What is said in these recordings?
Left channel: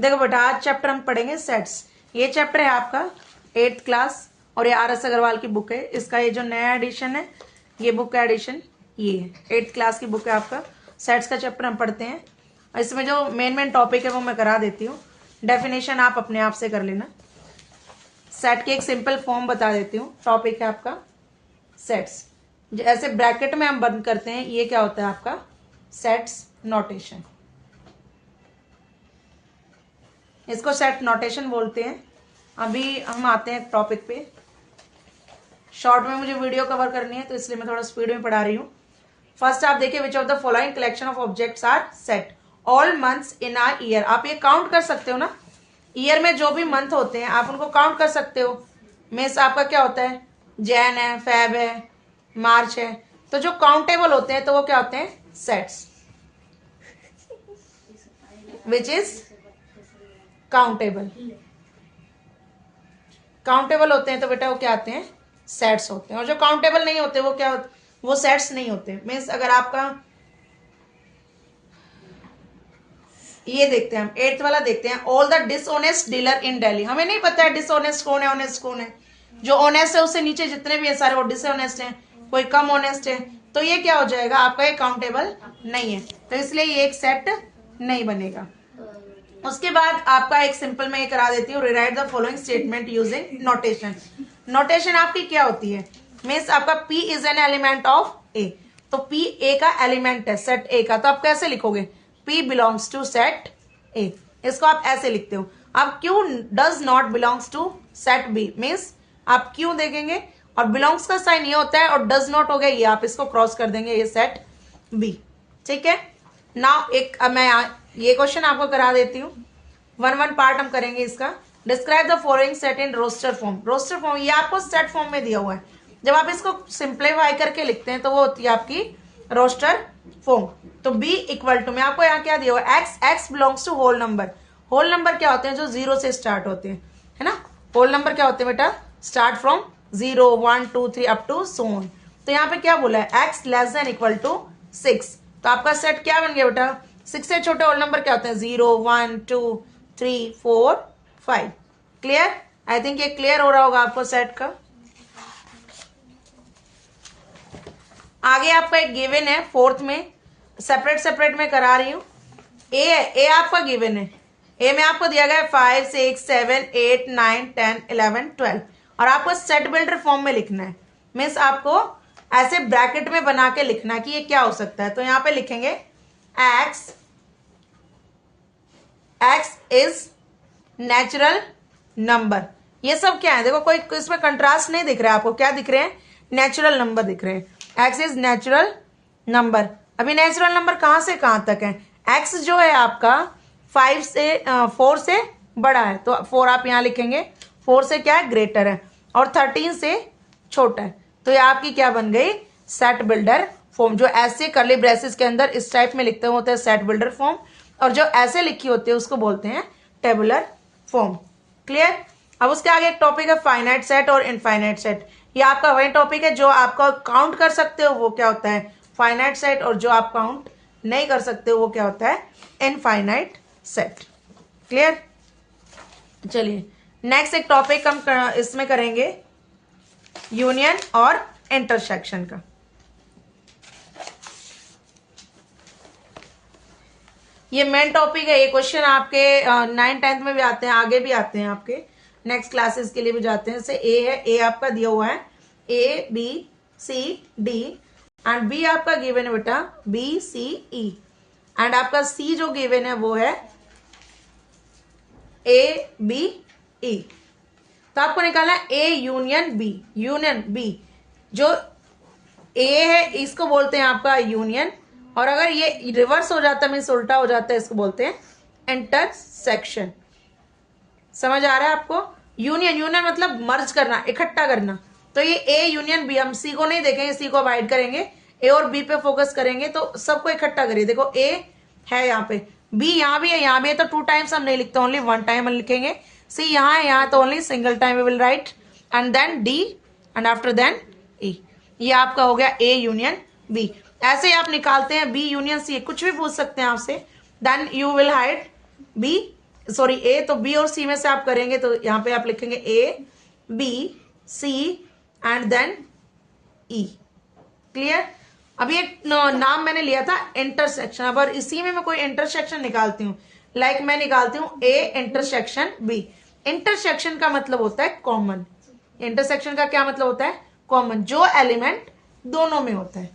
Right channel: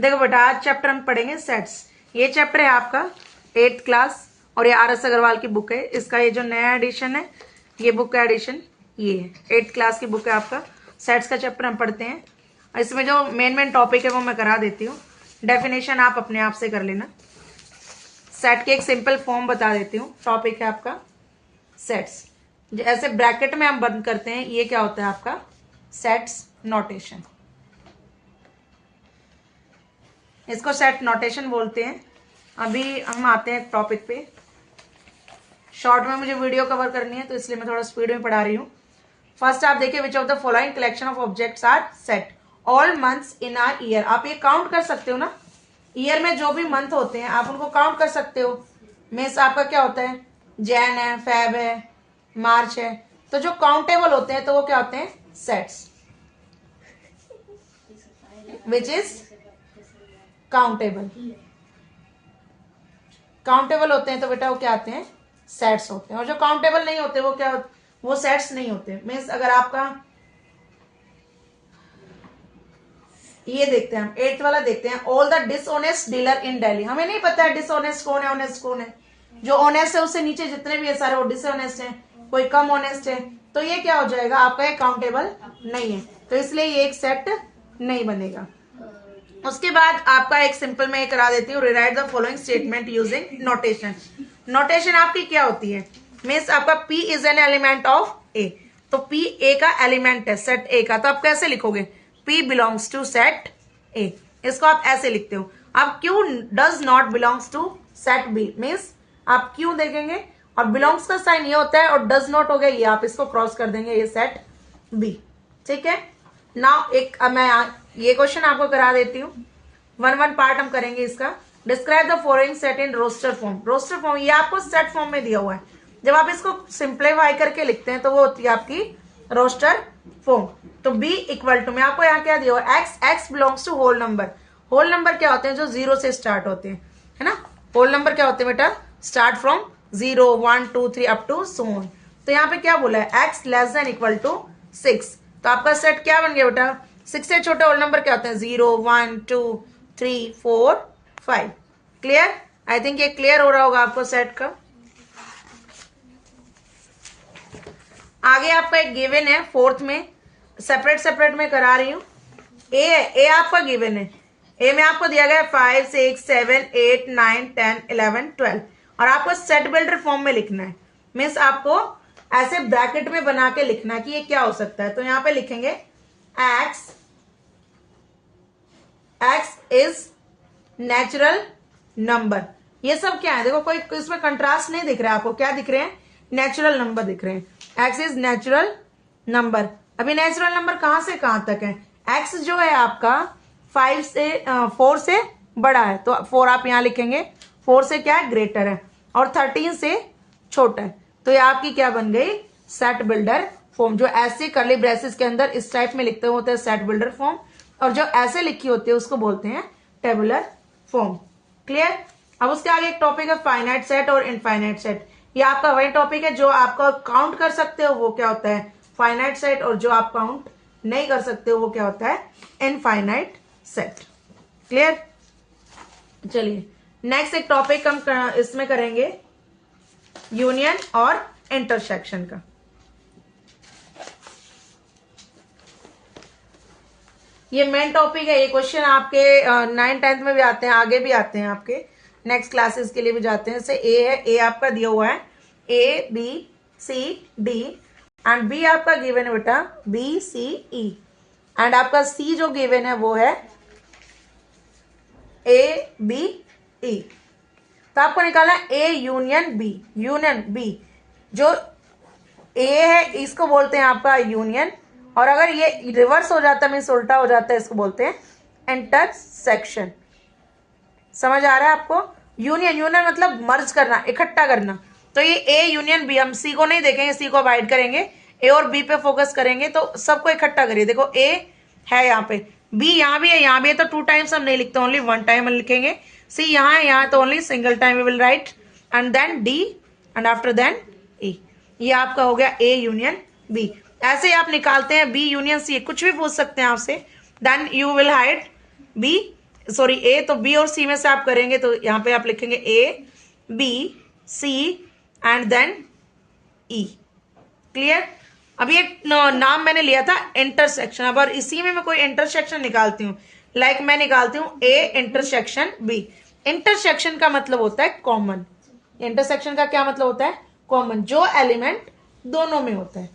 देखो बेटा, आज चैप्टर हम पढ़ेंगे सेट्स। ये चैप्टर है आपका 8th क्लास और ये RS अग्रवाल की बुक है। इसका ये जो नया एडिशन है, ये बुक का एडिशन ये है। 8th क्लास की बुक है आपका। सेट्स का चैप्टर हम पढ़ते हैं। इसमें जो मेन टॉपिक है वो मैं करा देती हूँ। डेफिनेशन आप अपने आप से कर लेना। सेट की एक सिंपल फॉर्म बता देती हूँ। टॉपिक है आपका सेट्स। ऐसे ब्रैकेट में हम बंद करते हैं, ये क्या होता है आपका सेट्स नोटेशन। इसको सेट नोटेशन बोलते हैं। अभी हम आते हैं टॉपिक पे। शॉर्ट में मुझे वीडियो कवर करनी है तो इसलिए मैं थोड़ा स्पीड में पढ़ा रही हूँ। फर्स्ट आप देखिए, which of the following collection of objects are set all months in a year. आप ये काउंट कर सकते हो ना, ईयर में जो भी मंथ होते हैं आप उनको काउंट कर सकते हो। मीन्स आपका क्या होता है, जैन है, फेब है, मार्च है। तो जो काउंटेबल होते हैं तो वो क्या होते हैं, sets. Which is countable. Countable होते हैं तो बेटा वो क्या आते हैं, सेट्स होते हैं। और जो काउंटेबल नहीं होते वो क्या, वो सेट्स नहीं होते। मीन्स अगर आपका ये देखते हैं हम 8th वाला देखते हैं, ऑल द डिसऑनेस्ट डीलर इन दिल्ली। हमें नहीं पता है डिसऑनेस्ट कौन है, ऑनेस्ट कौन है। जो ऑनेस्ट है उससे नीचे जितने भी है सारे वो डिसऑनेस्ट हैं, कोई कम ऑनेस्ट है। तो ये क्या हो जाएगा आपका, एक काउंटेबल नहीं है, तो इसलिए ये एक सेट नहीं बनेगा। उसके बाद आपका एक सिंपल में ये करा देती हूँ, rewrite the following statement using notation. Notation आपकी क्या होती है, मीन्स आपका P is an element of A। तो P A का एलिमेंट है, सेट A का। तो आप कैसे लिखोगे, P belongs to set A। इसको आप ऐसे लिखते हो। अब Q does not belongs to set B, means आप Q देखेंगे और बिलोंग्स का साइन ये होता है और डज नॉट हो गया ये, आप इसको क्रॉस कर देंगे, ये सेट B। ठीक है ना। एक मैं ये क्वेश्चन आपको करा देती हूँ। 1 पार्ट हम करेंगे इसका। Describe the following set in roster form. Roster form ये आपको सेट फॉर्म में दिया हुआ है। जब आप इसको सिंप्लीफाई करके लिखते हैं तो वो होती है आपकी रोस्टर फॉर्म। तो B इक्वल टू में आपको यहाँ क्या दिया हुआ है, x belongs to whole number. Whole number क्या होते हैं, जो 0 से स्टार्ट होते हैं, है ना। होल नंबर क्या होते हैं बेटा, start from 0 1 2 3 up to so on. तो यहाँ पे क्या बोला है, x less than equal to 6। तो आपका सेट क्या बन गया बेटा, 6 से छोटे होल नंबर क्या होते हैं, 0 1 2 3 4 5। क्लियर। आई थिंक ये क्लियर हो रहा होगा आपको सेट का। आगे आपका एक गिवन है 4th में, सेपरेट में करा रही हूं। ए आपका गिवन है। ए में आपको दिया गया 5 6 7 8 9 10 11 12 और आपको सेट बिल्डर फॉर्म में लिखना है। मीन्स आपको ऐसे ब्रैकेट में बना के लिखना कि ये क्या हो सकता है। तो यहां पे लिखेंगे x इज नेचुरल नंबर। ये सब क्या है, देखो कोई इसमें कंट्रास्ट नहीं दिख रहा है आपको, क्या दिख रहे हैं, नेचुरल नंबर दिख रहे हैं। x is natural number. अभी नेचुरल नंबर कहां से कहां तक है, x जो है आपका 4 से बड़ा है तो 4 आप यहां लिखेंगे, 4 से क्या है, ग्रेटर है, और 13 से छोटा है। तो ये आपकी क्या बन गई, सेट बिल्डर फॉर्म। जो ऐसे कर्ली ब्रेसेस के अंदर इस टाइप में लिखते होते हैं सेट बिल्डर फॉर्म, और जो ऐसे लिखी होती है उसको बोलते हैं टेबुलर फॉर्म। क्लियर। अब उसके आगे एक टॉपिक है फाइनाइट सेट और इनफाइनाइट सेट। ये आपका वही टॉपिक है जो आपका काउंट कर सकते हो वो क्या होता है, फाइनाइट सेट, और जो आप काउंट नहीं कर सकते हो वो क्या होता है, इनफाइनाइट सेट। क्लियर। चलिए नेक्स्ट एक टॉपिक हम इसमें करेंगे यूनियन और इंटरसेक्शन का। ये मेन टॉपिक है। ये क्वेश्चन आपके 9th 10th में भी आते हैं, आगे भी आते हैं, आपके नेक्स्ट क्लासेस के लिए भी जाते हैं। जैसे ए है, ए आपका दिया हुआ है ABCD एंड बी आपका गिवन है बेटा BCE एंड आपका सी जो गिवन है वो है ABE। तो आपको निकालना है A union B। Union B जो A है इसको बोलते हैं आपका यूनियन, और अगर ये रिवर्स हो जाता है मीन्स उल्टा हो जाता है, इसको बोलते हैं इंटरसेक्शन। समझ आ रहा है आपको। यूनियन मतलब मर्ज करना, इकट्ठा करना। तो ये A यूनियन B, हम सी को नहीं देखेंगे, सी को अवॉइड करेंगे, A और B पे फोकस करेंगे। तो सबको इकट्ठा करिए। देखो A है यहाँ पे, B यहाँ भी है, यहाँ भी है, तो 2 टाइम्स हम नहीं लिखते, ओनली 1 टाइम हम लिखेंगे। C यहाँ है, यहाँ तो only single time we will write, and then D and after then E। ये आपका हो गया A यूनियन B। ऐसे ही आप निकालते हैं B यूनियन C, कुछ भी पूछ सकते हैं आपसे। Then you will write B sorry A, तो बी और सी में से आप करेंगे तो यहाँ पे आप लिखेंगे A, B, C and then E. Clear? अभी एक नाम मैंने लिया था इंटरसेक्शन। अब इसी में मैं कोई इंटरसेक्शन निकालती हूँ, लाइक मैं निकालती हूँ ए इंटरसेक्शन बी। इंटरसेक्शन का मतलब होता है कॉमन। इंटरसेक्शन का क्या मतलब होता है? कॉमन, जो एलिमेंट दोनों में होता है।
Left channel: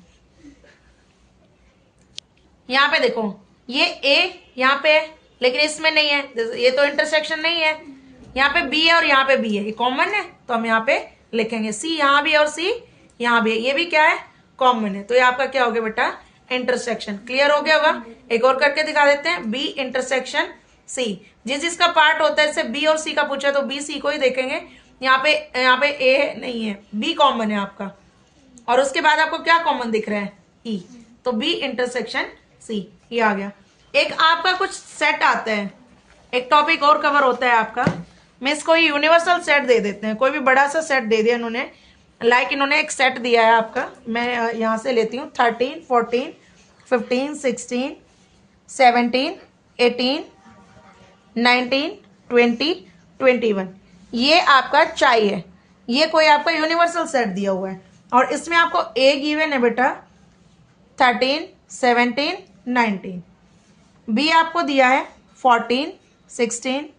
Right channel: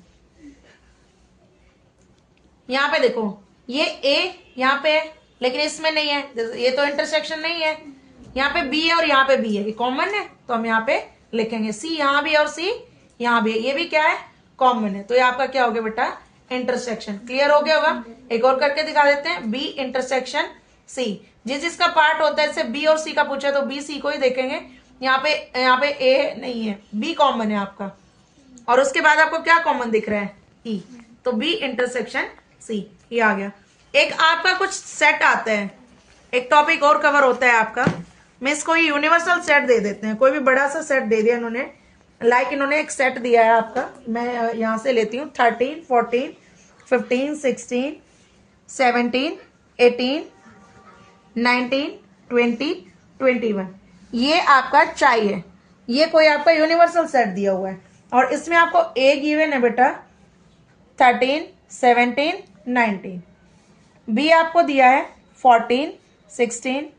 यहां पे देखो, ये ए यहां पे है लेकिन इसमें नहीं है, ये तो इंटरसेक्शन नहीं है। यहाँ पे बी है और यहाँ पे बी है, ये कॉमन है, तो हम यहाँ पे लिखेंगे सी यहाँ भी और सी यहाँ भी है, ये भी क्या है? कॉमन है। तो ये आपका क्या हो गया बेटा? इंटरसेक्शन। क्लियर हो गया होगा? एक और करके दिखा देते हैं, बी इंटरसेक्शन सी। जिसका पार्ट होता है, जैसे बी और सी का पूछा तो बी सी को ही देखेंगे। यहाँ पे ए नहीं है, बी कॉमन है आपका, और उसके बाद आपको क्या कॉमन दिख रहा है? ई। तो बी इंटरसेक्शन सी, ये आ गया। एक आपका कुछ सेट आता है, एक टॉपिक और कवर होता है आपका। मैं इसको यूनिवर्सल सेट दे देते हैं, कोई भी बड़ा सा सेट दे दिया इन्होंने, लाइक इन्होंने एक सेट दिया है आपका, मैं यहां से लेती हूँ 13, 14, 15, 16, 17, 18, 19, 20, 21। ये आपका चाहिए, ये कोई आपका यूनिवर्सल सेट दिया हुआ है, और इसमें आपको ए गिवन है बेटा 13, 17, 19। बी आपको दिया है 14, 16,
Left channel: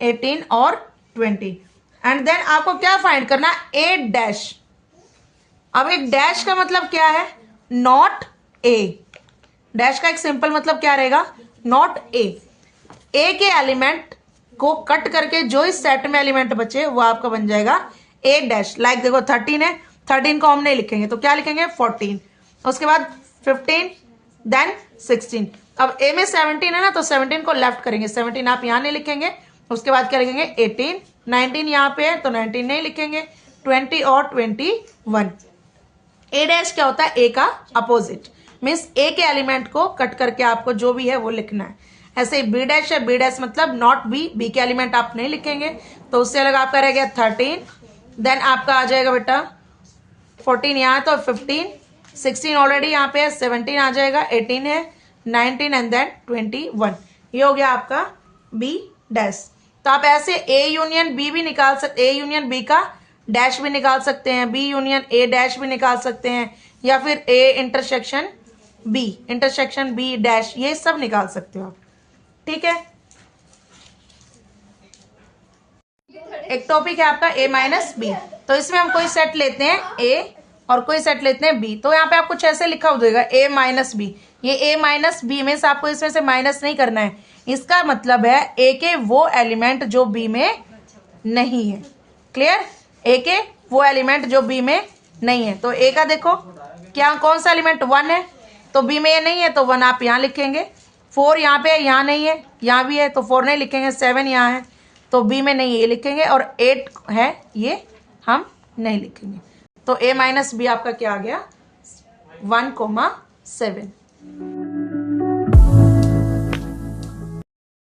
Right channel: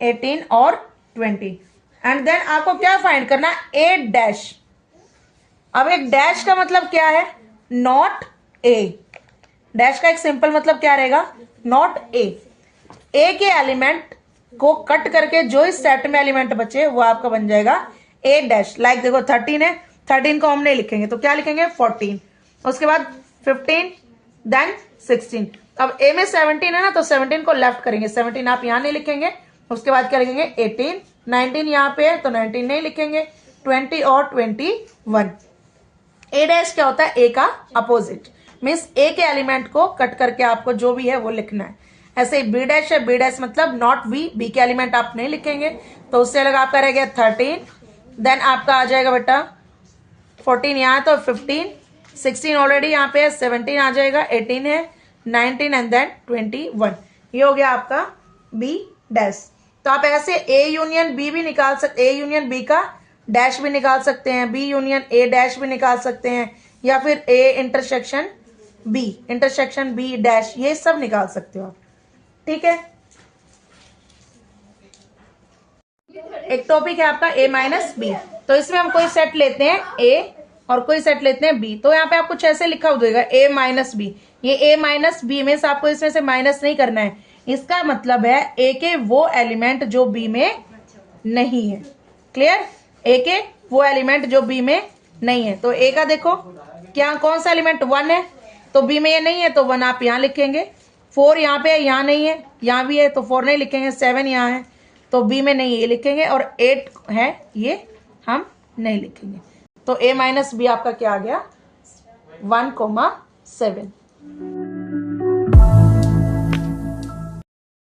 18 और 20। एंड देन आपको क्या फाइंड करना? ए डैश। अब एक डैश का मतलब क्या है? Not a. डैश का एक सिंपल मतलब क्या रहेगा? Not a. ए के एलिमेंट को कट करके जो इस सेट में एलिमेंट बचे वो आपका बन जाएगा ए डैश। लाइक देखो 13 है, 13 को हम नहीं लिखेंगे तो क्या लिखेंगे? 14। उसके बाद 15, देन 16। अब ए में 17 है ना, तो 17 को लेफ्ट करेंगे, 17 आप यहां नहीं लिखेंगे। उसके बाद क्या लिखेंगे? 18, 19 यहां पे है तो 19 नहीं लिखेंगे, 20 और 21। ए डैश क्या होता है? ए का अपोजिट, मीन्स ए के एलिमेंट को कट करके आपको जो भी है वो लिखना है। ऐसे बी डैश है, बी डैश मतलब नॉट बी, बी के एलिमेंट आप नहीं लिखेंगे, तो उससे अलग आपका रह गया 13। देन आपका आ जाएगा बेटा 14 यहाँ, तो 15, 16 ऑलरेडी यहाँ पे है, 17 आ जाएगा, 18 है, 19 एंड देन 21। ये हो गया आपका बी डैश। तो आप ऐसे ए यूनियन बी भी निकाल सकते, ए यूनियन बी का डैश भी निकाल सकते हैं, बी यूनियन ए डैश भी निकाल सकते हैं, या फिर ए इंटरसेक्शन बी डैश, ये सब निकाल सकते हो आप। ठीक है? एक टॉपिक है आपका ए माइनस बी, तो इसमें हम कोई सेट लेते हैं ए और कोई सेट लेते हैं बी। तो यहाँ पे आप कुछ ऐसे लिखा हो जाएगा ए माइनस बी। ये ए माइनस बी में से आपको इसमें से माइनस नहीं करना है, इसका मतलब है ए के वो एलिमेंट जो बी में नहीं है। क्लियर? ए के वो एलिमेंट जो बी में नहीं है। तो ए का देखो क्या, कौन सा एलिमेंट? 1 है, तो बी में ये नहीं है तो 1 आप यहाँ लिखेंगे। 4 यहाँ पे है, यहाँ नहीं है, यहाँ भी है तो 4 नहीं लिखेंगे। 7 यहाँ है तो बी में नहीं है, ये लिखेंगे। और 8 है, ये हम नहीं लिखेंगे। तो ए माइनस बी आपका क्या आ गया? 1, 7।